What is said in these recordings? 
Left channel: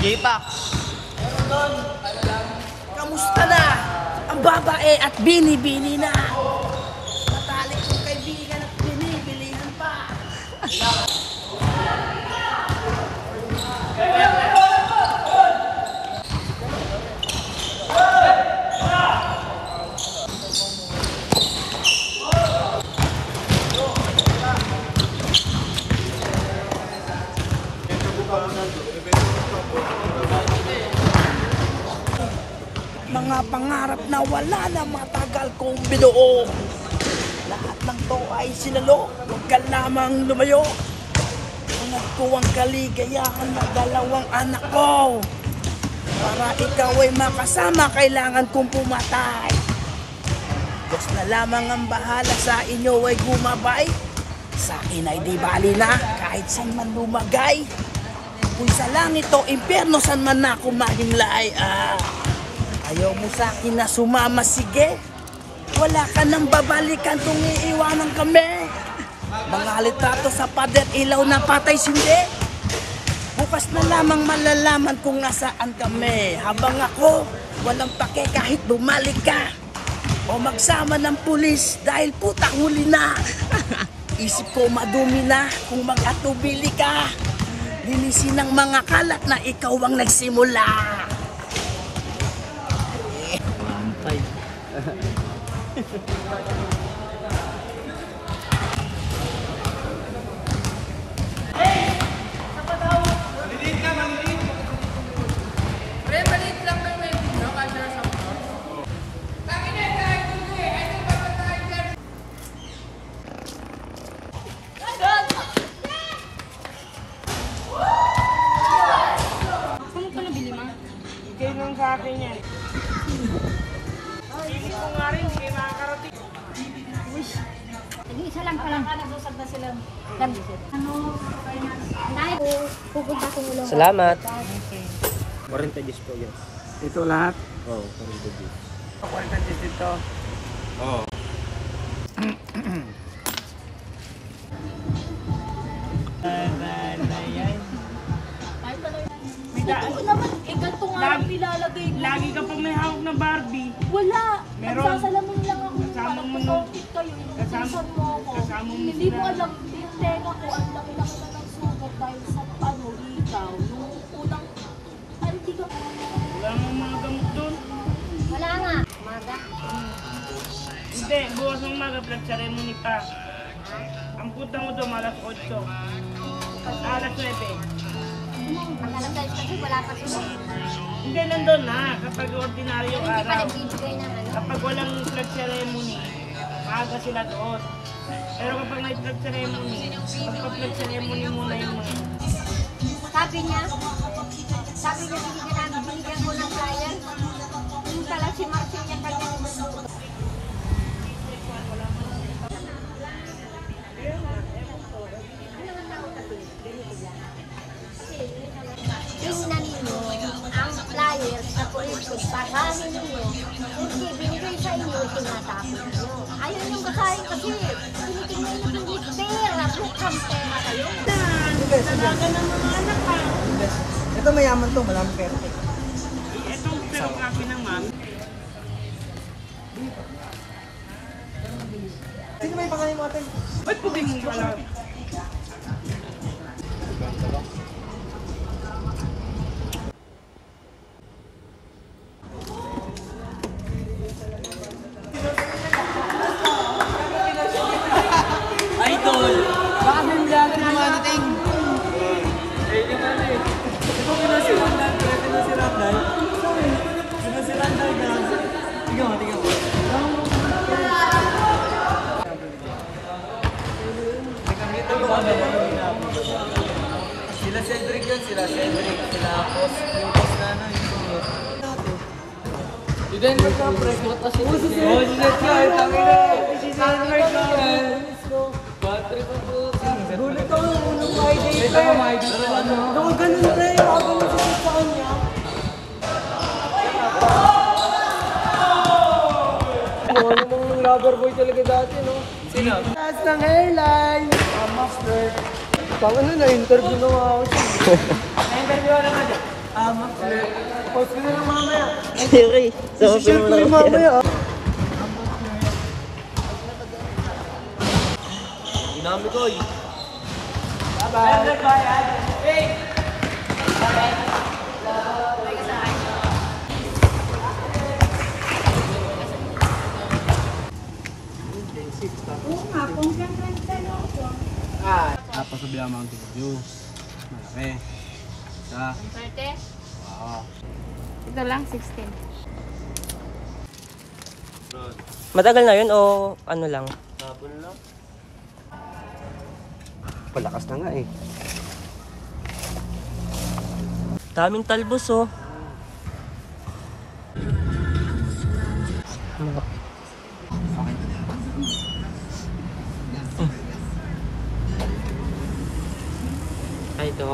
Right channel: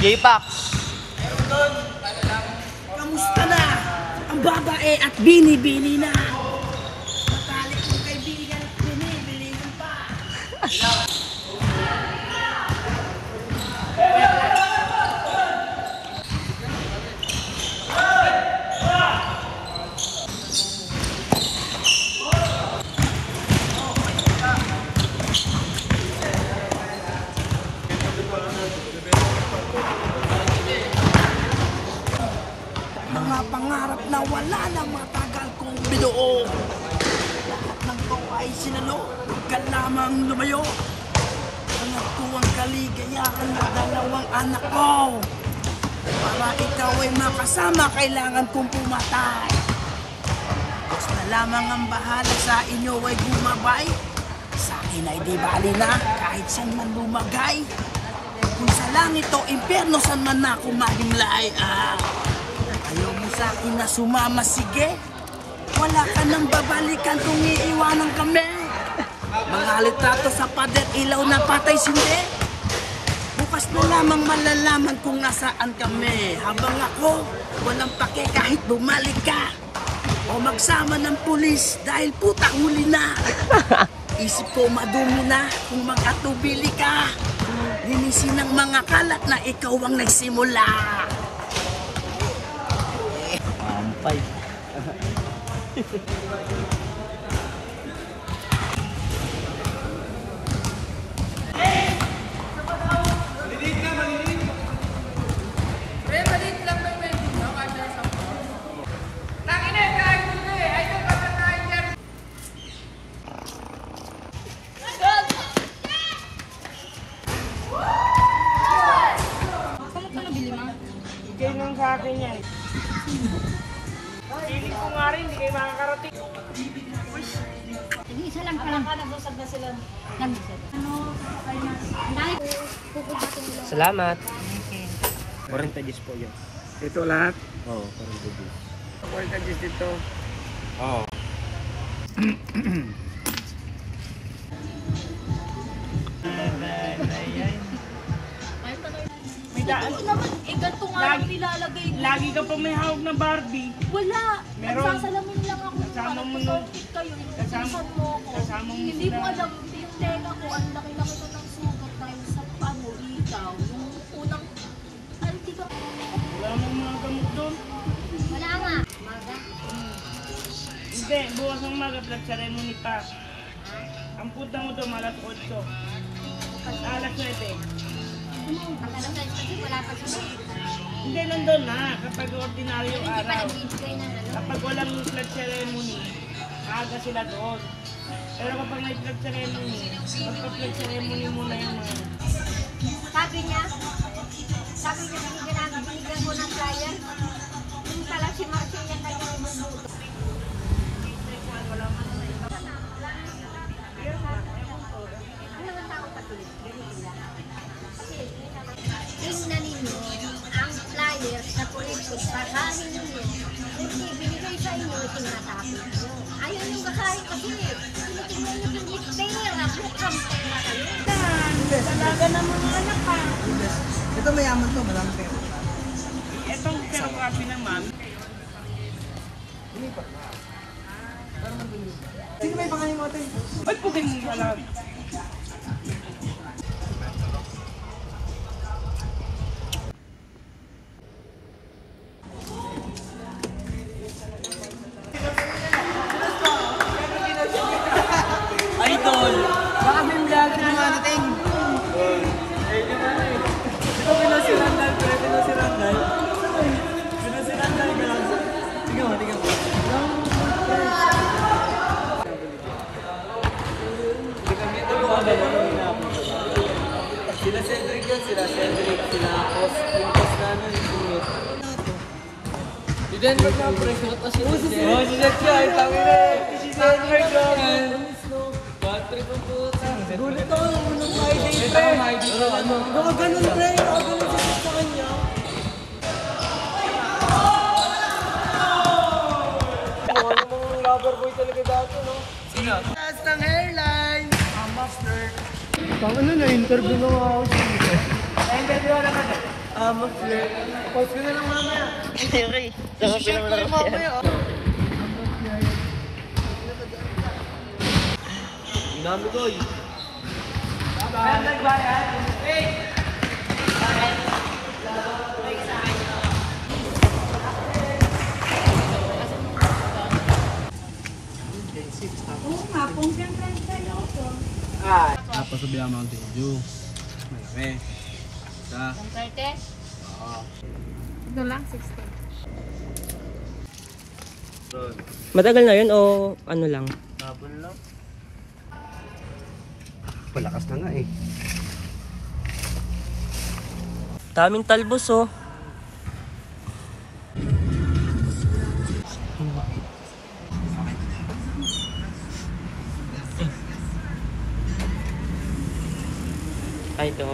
J-Pack. Kamusta na? Ang babae at binibili na. Matalik yung kaibigan at binibilihan pa. Mga pangarap na wala na matagal kong binuo. Lahat ng to ay sinalo, huwag ka lamang lumayo. Hanap ko ang kaligayahan na dalawang anak ko. Para ikaw ay makasama, kailangan kong pumatay. Diyos na lamang ang bahala, sa inyo ay gumabay. Sa akin ay di bali na, kahit saan man lumagay. Kung sa langit o impyerno, saan man ako mahimlay. Ayaw mo sa akin na sumama, sige. Wala ka nang babalikan kung iiwanan kami. Mga litrato sa pader, ilaw na patay sindi. Bukas na lamang malalaman kung nasaan kami. Habang ako, walang pake kahit bumalik ka. O magsama ng pulis dahil putak huli na. Isip ko madumi na kung mag-atubili ka. Linisin ng mga kalat na ikaw ang nagsimula. Mampay. Isa lang pa lang. Salamat. 40 gis po yun. Ito lahat? Oo, 40 gis. 40 gis ito. Oo. Ito naman, ganito nga lang nilalagay ko. Lagi ka pa may hawak na Barbie. Wala. Meron. Nagsasalamin lang ako yung Kasama parang mo pag-outfit kayo. Inutusan mo ako. kasama mo Hindi mo sila. alam, yung tenga ko, ang laki-laki na ng sugat dahil sa ikaw. Yung unang, di ka. Wala mong mga gamot doon. Wala nga. Maga. Hindi, bukas ng maga, ceremony pa. Ang puta mo doon, alas 8. Alas 9. Ang alam guys, kasi wala pa sila. Hindi, nandun na. Kapag ordinaryo Hindi pa araw. nagbibigay ng ano. Kapag walang flag ceremony, maaga sila doon. Pero kapag may flag ceremony, magpa-flag ceremony muna yung mga yun. Sabi niya, binigyan mo ng kaya. Yung pala si Marcel niya kanya magluto. Tingnan ninyo ang flyers na proyekto. Basahin ninyo. Kasi binigay sa inyo tinatapos nyo. Ayun yung kakain kasi. Tinitingnan nyo yung pera. Bukang pera kayo. Talaga ng mga anak pa. Ito mayaman to, malamang kayo. Itong pero kapi naman. Sino may pangalan mo ating? Ba't pugin mo pala? Idol! Baka may vlog na ating. Ito si Randall, pero si Randall. Si Randall, gano'n. Tingnan mo, tingnan mo. Sila Cedric yan, sila Cedric, tinapos. Si Denver pa, press mo tas. Oh, si Cedric yan, tangina. Si Cedric lang. Battery pa po. Gulit ako ng unang mic. Naka ganun na yung ako masakit sa kanya. Ano nung lover boy talaga dati, no? Sino? Taas ng hairline! Master. Baka na-interview na ako siya. Ayun kayo na naman. Master. Post ko na lang mamaya. Sige. So, film lang ako yan. Ginami ko eh. Tapos sa bilang Mountain Dew. Malaki. Ha? 130? Oo. Ito lang, 16. Matagal na yun o ano lang? Hapon lang. Palakas na nga eh. Daming talbos oh. Ay, ito.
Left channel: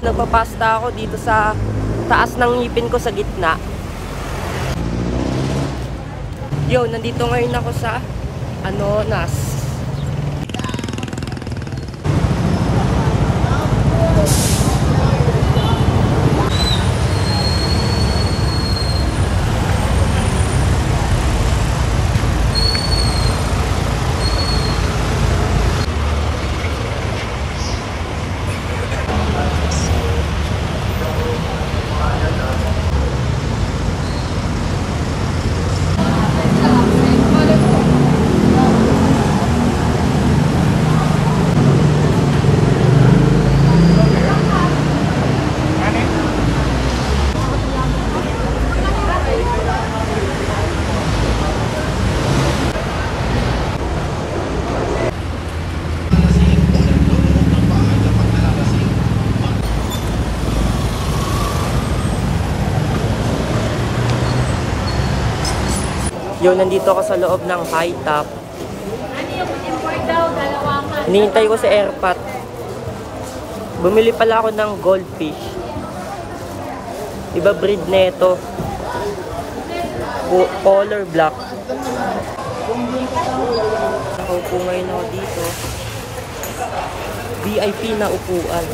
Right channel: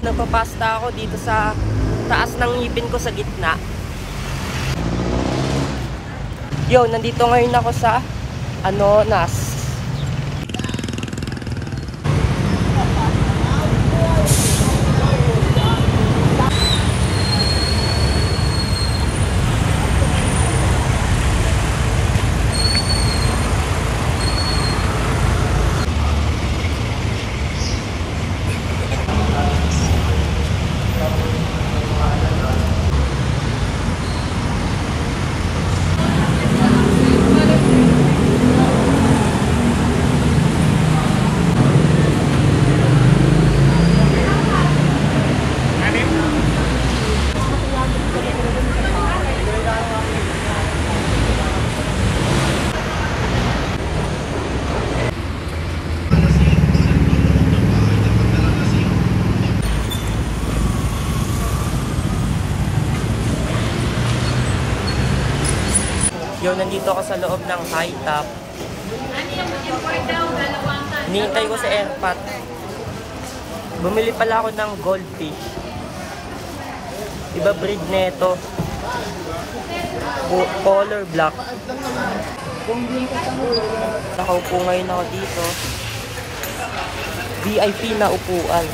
Nagpapasta ako dito sa taas ng ngipin ko sa gitna. Yo, nandito ngayon ako sa NAS. Yo, nandito ako sa loob ng high top. Hinihintay ko sa airpot. Bumili pala ako ng goldfish. Iba breed neto. Color black. Nakaupo ngayon ako dito. VIP na upuan.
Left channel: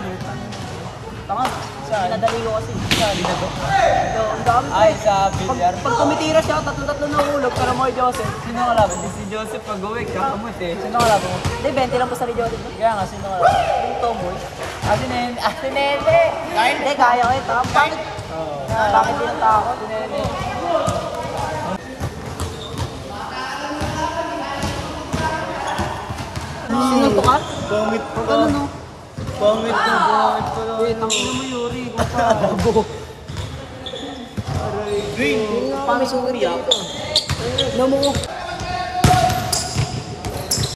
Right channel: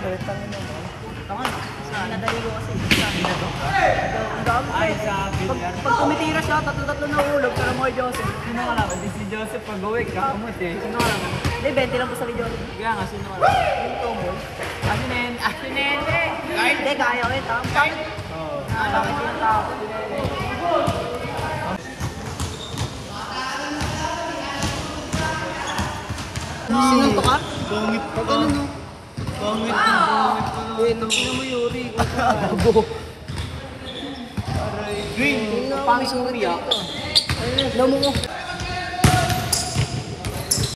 300, tangin mo. Tanga, saan? Nadali ko kasi. Saan? Ang dami. Ay, sa bilyar. Pag tumitira siya, tatlo-tatlo na hulog, pero mo Joseph. Sino ka lang? Di si Joseph pag-uwi, kakamot eh. Sino ka lang mo? Hindi, 20 lang po sa Joseph. Kaya nga, sino ka lang? Yung tomboy. Asinen! Hindi, kaya ko yun. Bakit? Oo. Bakit yun ang takot? Sino to ka? Pangit pa. Ano no? Pangit na pangit pa. Wait, ang mo Yuri. Bago. Aray, green. Pangit sugat ka dito. Alam mo,